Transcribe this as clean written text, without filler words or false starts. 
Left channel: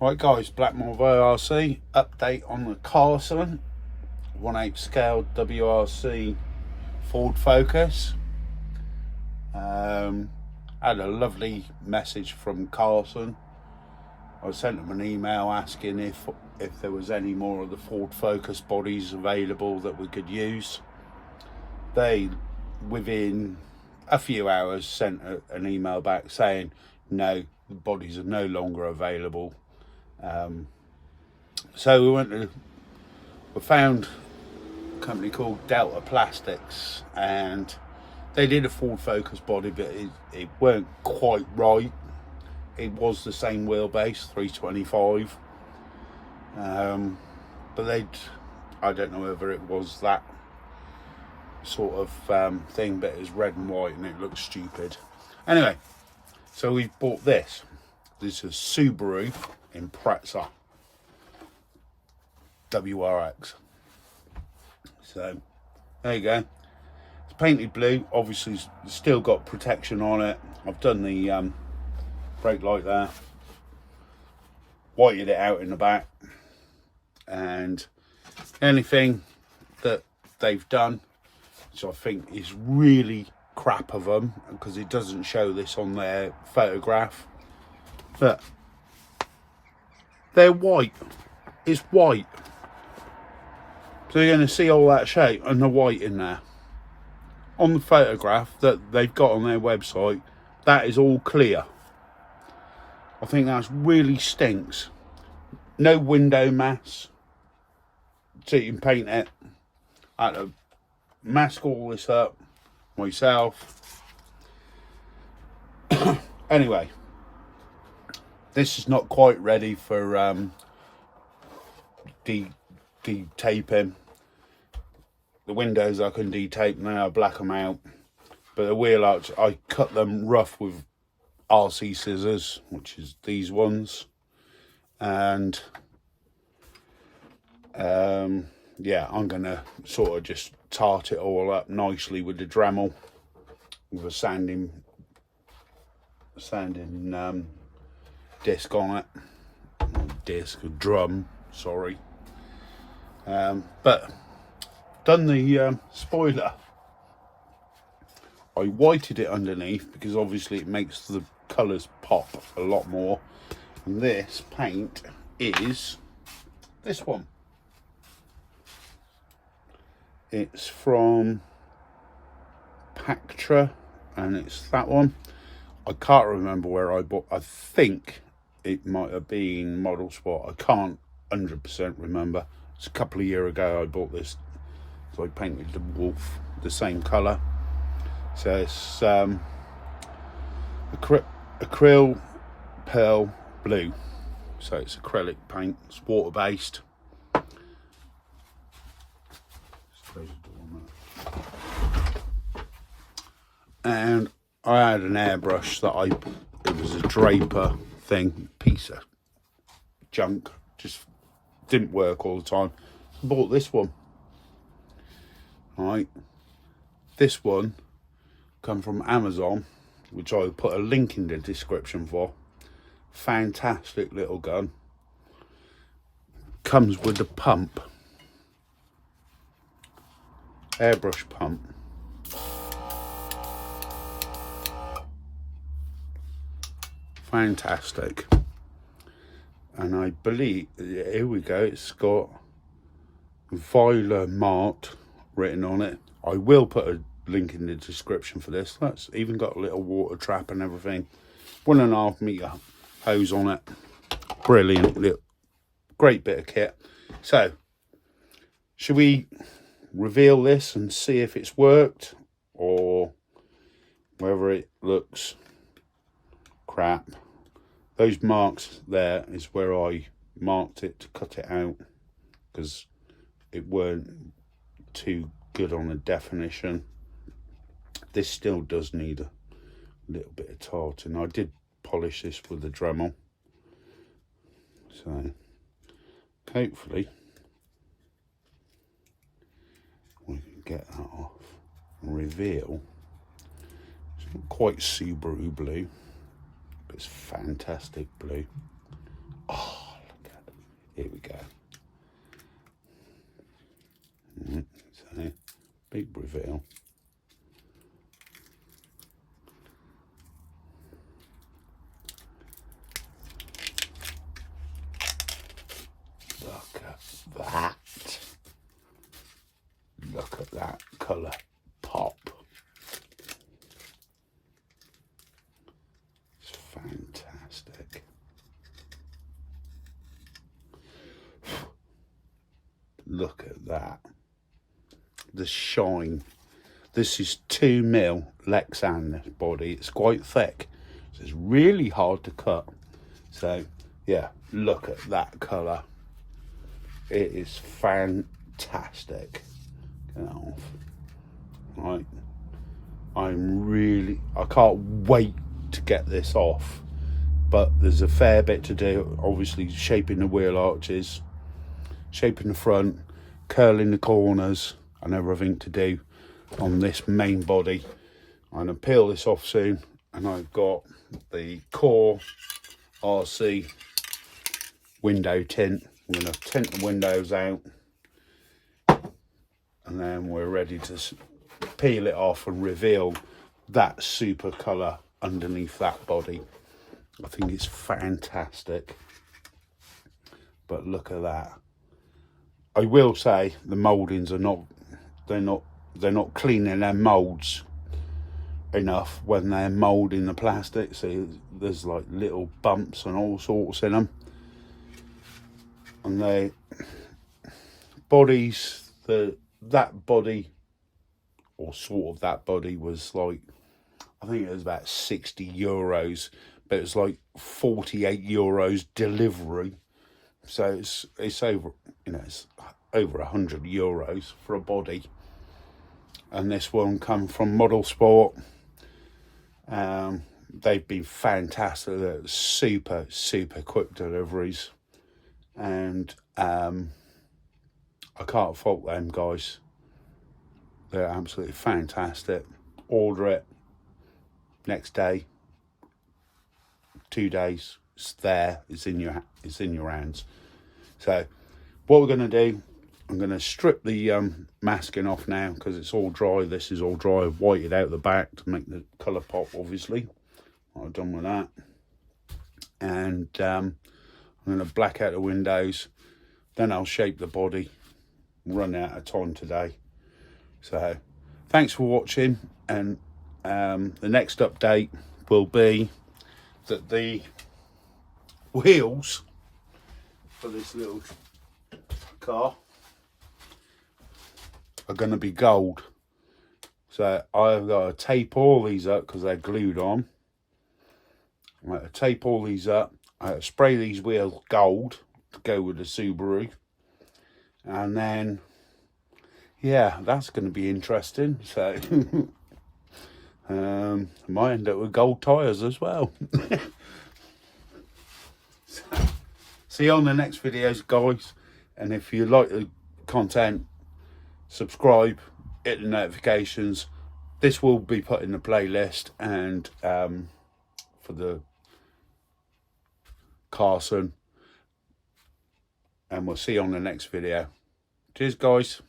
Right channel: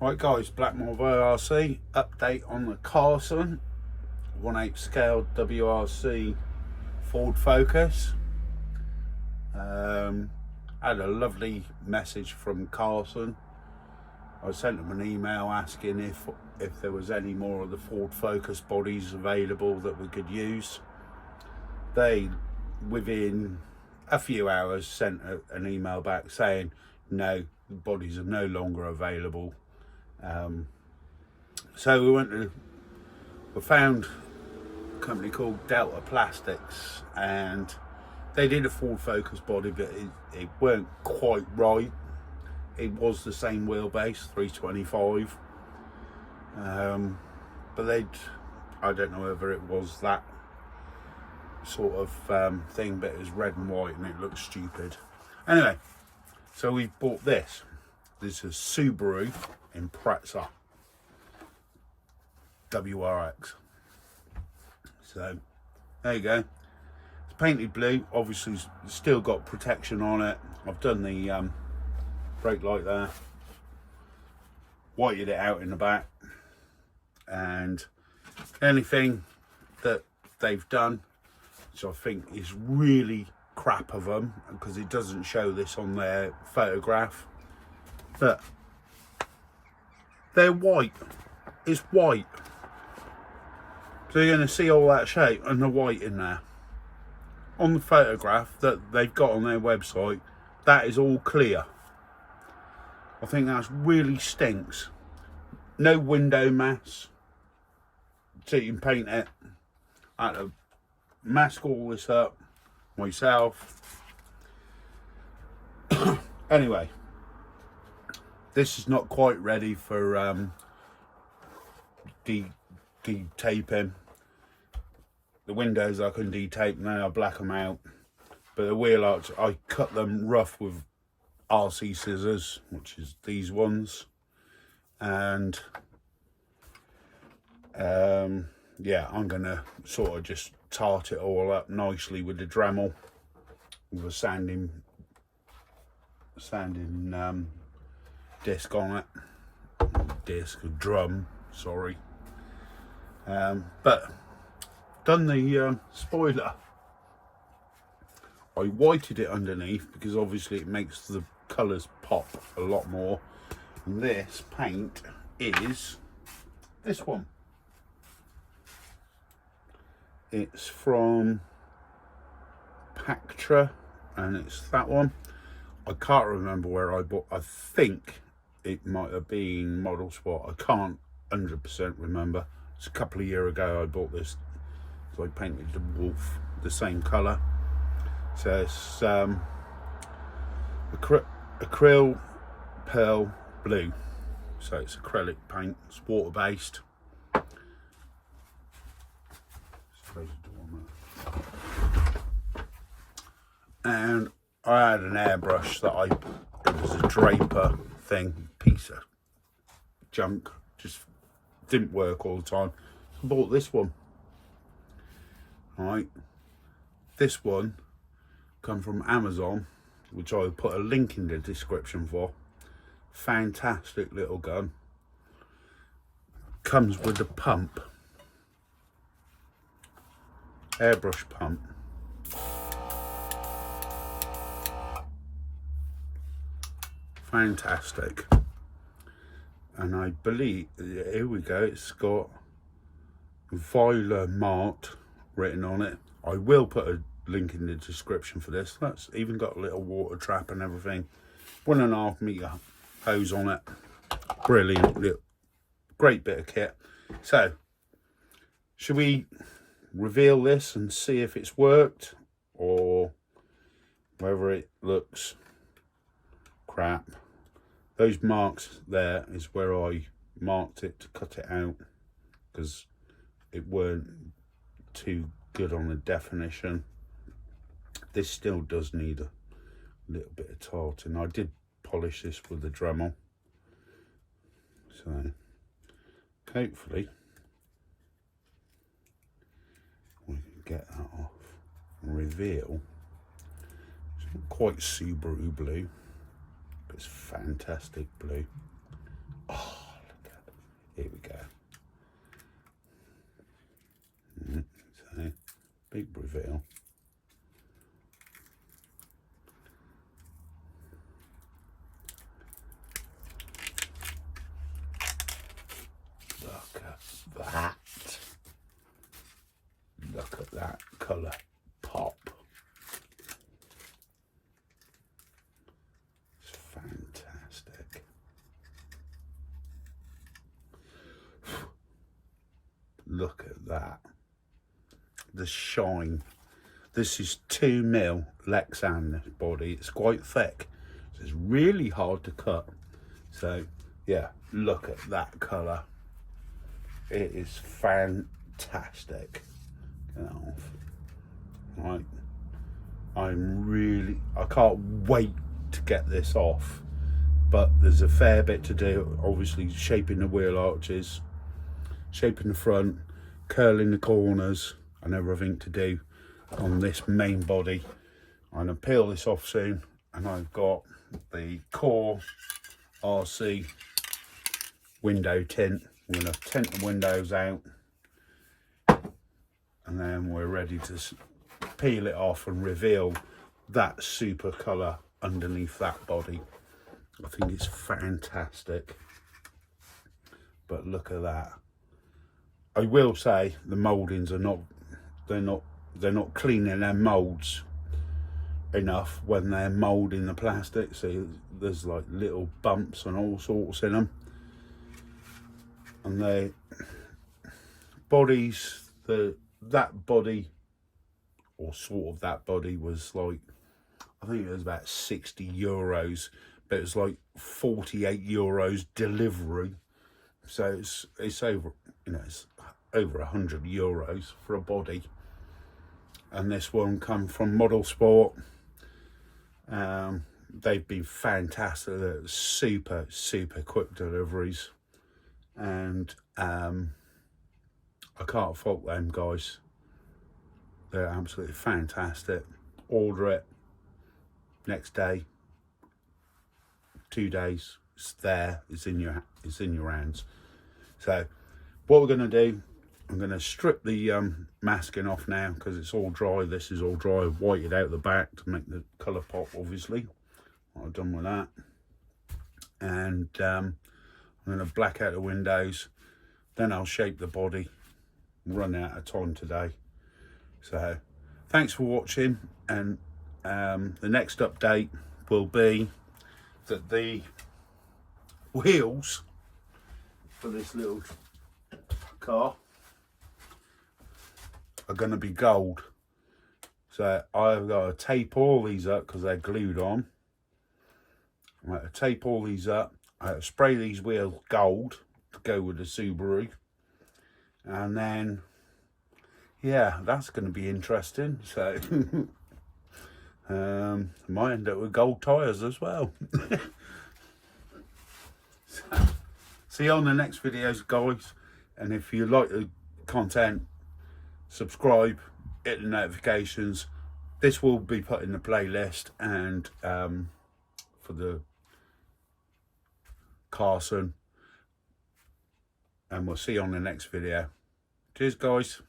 Right guys, Blackmore WRC update on the Carson 1/8 scale WRC Ford Focus. Had a lovely message from Carson. I sent them an email asking if there was any more of the Ford Focus bodies available that we could use. They, within a few hours, sent an email back saying no, the bodies are no longer available. So we found a company called Delta Plastics, and they did a Ford Focus body, but it weren't quite right. It was the same wheelbase, 325, but I don't know whether it was that sort of thing, but it was red and white and it looked stupid. Anyway, so we bought this. This is Subaru Impreza WRX. So there you go. It's painted blue. Obviously, it's still got protection on it. I've done the brake light there, whited it out in the back, and anything that they've done, which I think is really crap of them, because it doesn't show this on their photograph, but they're white. It's white, so you're going to see all that shape and the white in there. On the photograph that they've got on their website, that is all clear. I think that really stinks. No window mats, so you can paint it. I had to mask all this up myself. Anyway, this is not quite ready for de-taping. The windows I can de-tape now, I black them out, but the wheel arch, I cut them rough with RC scissors, which is these ones, and yeah, I'm gonna sort of just tart it all up nicely with the Dremel, with a sanding disc on it, a drum, sorry. But done the spoiler. I whited it underneath because obviously it makes the colours pop a lot more. And this paint is this one. It's from Pactra, and it's that one. I can't remember where I bought. I think it might have been Model Sport. I can't 100% remember. It's a couple of years ago I bought this, so I painted the wolf the same colour. So it's acrylic pearl blue, so it's acrylic paint. It's water based. And I had an airbrush that it was a Draper thing, piece of junk, just didn't work all the time. Bought this one. Right, this one come from Amazon, which I'll put a link in the description for. Fantastic little gun. Comes with the pump, airbrush pump. Fantastic. And I believe, here we go, it's got Viola Mart written on it. I will put a link in the description for this. That's even got a little water trap and everything. 1.5 meter hose on it. Brilliant, great bit of kit. So, should we reveal this and see if it's worked, or whether it looks crap? Those marks there is where I marked it to cut it out, because it weren't too good on the definition. This still does need a little bit of tarting. I did polish this with the Dremel, so hopefully we can get that off and reveal. It's not quite Subaru blue, but it's fantastic blue. Oh, Here we go. So, big reveal. Look at that. Look at that colour pop. It's fantastic. Look at that. The shine. This is 2mm Lexan, this body. It's quite thick. So it's really hard to cut. So yeah, look at that colour. It is fantastic. Get that off. Right. I can't wait to get this off. But there's a fair bit to do. Obviously shaping the wheel arches, shaping the front, curling the corners, and everything to do on this main body. I'm going to peel this off soon, and I've got the core RC window tint. I'm going to tint the windows out, and then we're ready to peel it off and reveal that super colour underneath that body. I think it's fantastic. But look at that. I will say the mouldings are not, they're not cleaning their moulds enough when they're moulding the plastic. So there's like little bumps and all sorts in them. And they bodies, that body, or sort of that body, was like, I think it was about 60 euros, but it was like 48 euros delivery. So it's over, you know, it's over 100 euros for a body. And this one come from Model Sport. They've been fantastic. They're super quick deliveries, and I can't fault them guys. They're absolutely fantastic. Order it, next day, 2 days, it's there, it's in your hands. So what we're going to do, I'm going to strip the masking off now, because it's all dry. This is all dry. I've whited out the back to make the colour pop, obviously. What I've done with that. And I'm going to black out the windows. Then I'll shape the body. Run out of time today. So thanks for watching. And the next update will be that the wheels for this little car are going to be gold. So I've got to tape all these up because they're glued on. I'm going to tape all these up. I have to spray these wheels gold to go with the Subaru. And then, yeah, that's going to be interesting. So might end up with gold tyres as well. So, see you on the next videos, guys. And if you like the content, subscribe, hit the notifications. This will be put in the playlist, and for the Carson. And we'll see you on the next video. Cheers, guys.